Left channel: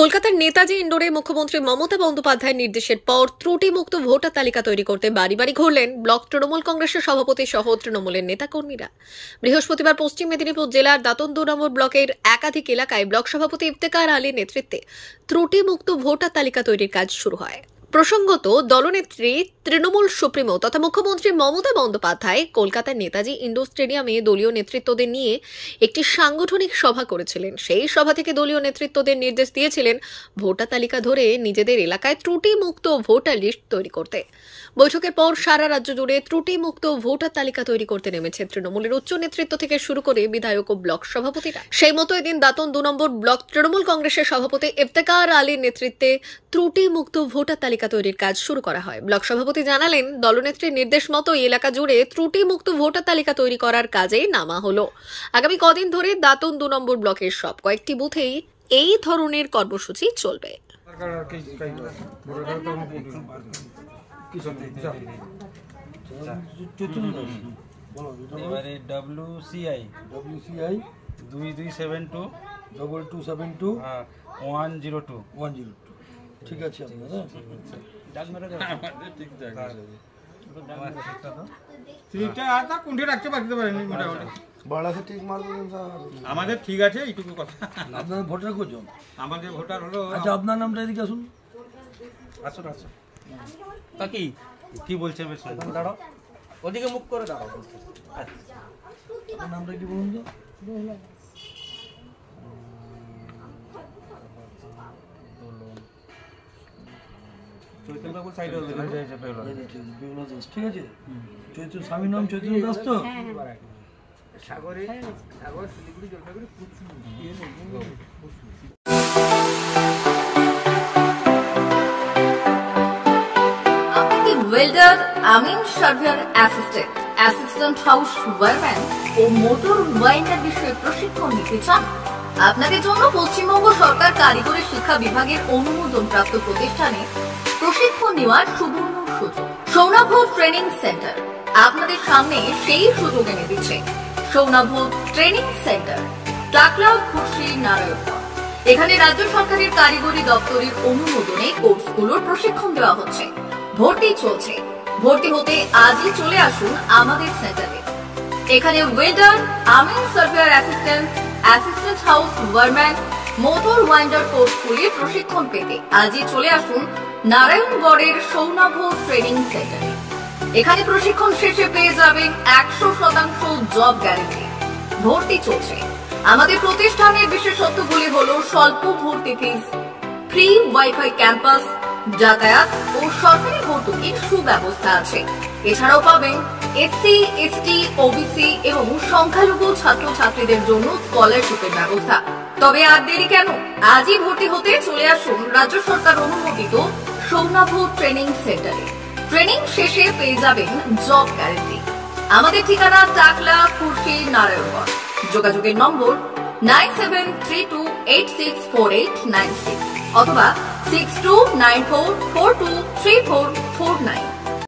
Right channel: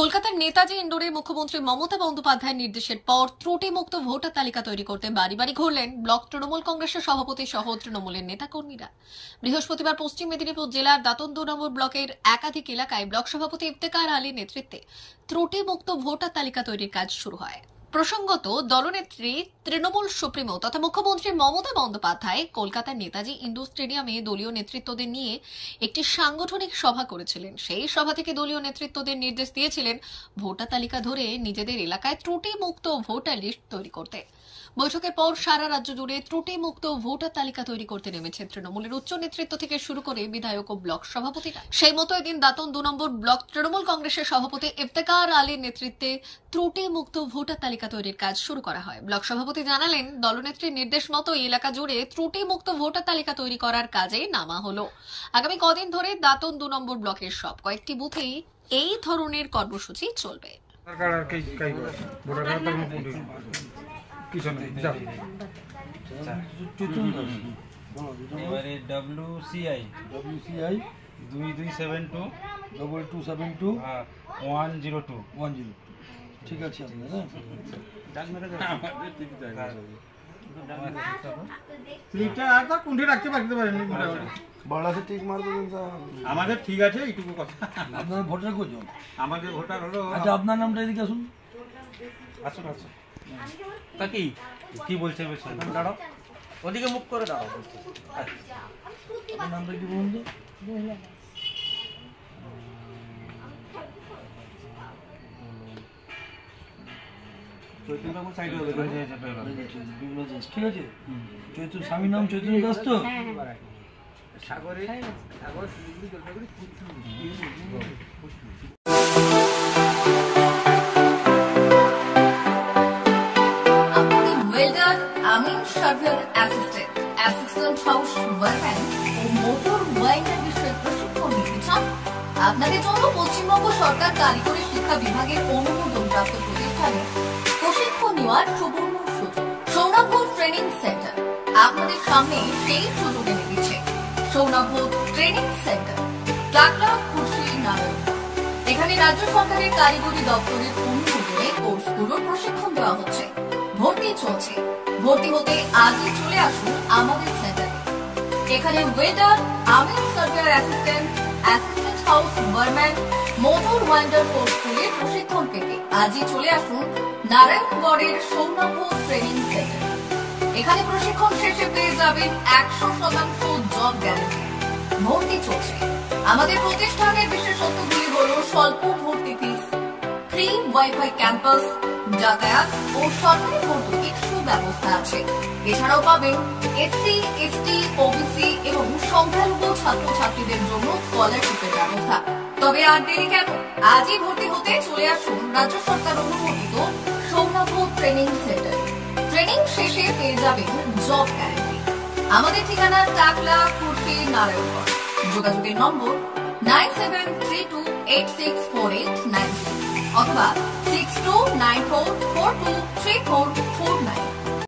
কলকাতার নেতাজি ইন্ডোরে মুখ্যমন্ত্রী মমতা বন্দ্যোপাধ্যায়ের নির্দেশের পর ত্রুটিমুক্ত ভোটার তালিকা তৈরি করতে বাড়ি বাড়ি ঘুরলেন ব্লক তৃণমূল কংগ্রেসের সভাপতি সহ তৃণমূলের নেতাকর্মীরা। বৃহস্পতিবার পশ্চিম মেদিনীপুর জেলার দাঁতন 2 নম্বর ব্লকের একাধিক এলাকায় ব্লক সভাপতি ইফতেখার আলীর নেতৃত্বে ত্রুটিমুক্ত ভোটার তালিকা তৈরির কাজ শুরু হয়। প্রসঙ্গত, দলনেত্রী তৃণমূল সুপ্রিমো তথা মুখ্যমন্ত্রী মমতা বন্দ্যোপাধ্যায় কলকাতার নেতাজি ইন্ডোর স্টেডিয়ামে দলীয় নেতৃত্বদের নিয়ে একটি সাংগঠনিক সভা করেছিলেন। সেই সভা থেকে দলীয় নেতৃত্বদের নির্দেশ দিয়েছিলেন ভোটার তালিকা ধরে নিজেদের এলাকায় ত্রুটিমুক্ত ভোটার লিস্ট তৈরি করতে। বৈঠকের পর সারা রাজ্য জুড়ে ত্রুটিমুক্ত ভোটার তালিকা তৈরি করতে নেমেছে তৃণমূলের উচ্চ নেতৃত্ব থেকে শুরু করে বিধায়ক ও ব্লক সভাপতিরা। সেই মতো এদিন দাঁতন 2 নম্বর ব্লক তৃণমূল কংগ্রেসের সভাপতি ইফতেখার আলীর নেতৃত্বে ত্রুটিমুক্ত ভোটার তালিকা তৈরির কাজ শুরু করা হয়। ব্লক সভাপতি জানালেন, দলনেত্রীর নির্দেশ মতো এলাকা জুড়ে ত্রুটিমুক্ত ভোটার তালিকা তৈরি করার কাজে নামা হলো। আগামী কদিন ধরে দাঁতন 2 নম্বর ব্লকের সব কয়েকটি বুথেই এই ধরনের কর্মসূচি চলবে। WCI 2272 102 ঠিক আছে আমাদের ঠিক আছে এইটুকু কথা। আপনার ভোটার কজন? আমাদের ভোটার হলো, আচ্ছা আপনার নামটা এদিকে আসুন। আসুন আসুন। তা কি বলছে দাঁড়াও, ওদিকে মুখ করে দাঁড়াও। আপনার নামটা কি বলুন তো? ঠিক আছে, স্বামীর নাম চৈতন্য দাস তো? ওয়েল্ডার, আমিন সার্ভেয়ার অ্যাসিস্ট্যান্ট হাউস ওয়ারম্যান ও মোটর ওয়াইন্ডার বিষয়ে প্রশিক্ষণ নিতে চান? আপনাদের জন্য পশ্চিমবঙ্গ সরকার কারিগরি শিক্ষা বিভাগের অনুমোদন প্রাপ্ত প্রতিষ্ঠানে প্রশিক্ষণ নেওয়ার সুবর্ণ সুযোগ। সৌনাভ ট্রেনিং সেন্টার আপনাদের সামনে সেই সুযোগ এনে দিচ্ছে। সৌনাভ ট্রেনিং সেন্টার, টাকলা, খুশি, নারায়ণগড়। এখানে রাজ্য সরকারের কারিগরি দপ্তরের অনুমোদনে কোর্সগুলোর প্রশিক্ষণ দেওয়া হচ্ছে। ভর্তি চলছে। ভর্তি হতে আজই চলে আসুন আমাদের সেন্টারে। এখানে ওয়েল্ডার, আমিন surveyor assistant house wireman, motor winder কোর্সগুলি প্রশিক্ষণ পেতে আজই চলে আসুন নারায়ণগড়ের সৌনাভ ট্রেনিং সেন্টারে। এখানে প্রশিক্ষণ শেষে পেয়ে যাবেন 100% জব গ্যারান্টি। ভর্তি চলছে। আমাদের প্রতিষ্ঠানের বিশেষত্বগুলি হল স্বল্প ভর্তি ফিস, ফ্রি ওয়াইফাই ক্যাম্পাস, যাতায়াত ও সরকারি ভর্তুকির সুব্যবস্থা আছে। এছাড়াও পাবেন এসসি, এসটি, ওবিসি এবং সংখ্যালঘু ছাত্রছাত্রীদের জন্য স্কলারশিপের ব্যবস্থা। তবে আর দেরি কেন, আজই ভর্তি হতে চলে আসুন রাজ্য সরকার অনুমোদিত সৌনাভ ট্রেনিং সেন্টারে। ট্রেনিং শেষে পেয়ে যাবেন জব গ্যারান্টি। আমাদের ঠিকানা টাকলা, খুশি, নারায়ণগড়। যোগাযোগের নম্বর 9732864896 অথবা 6294423449।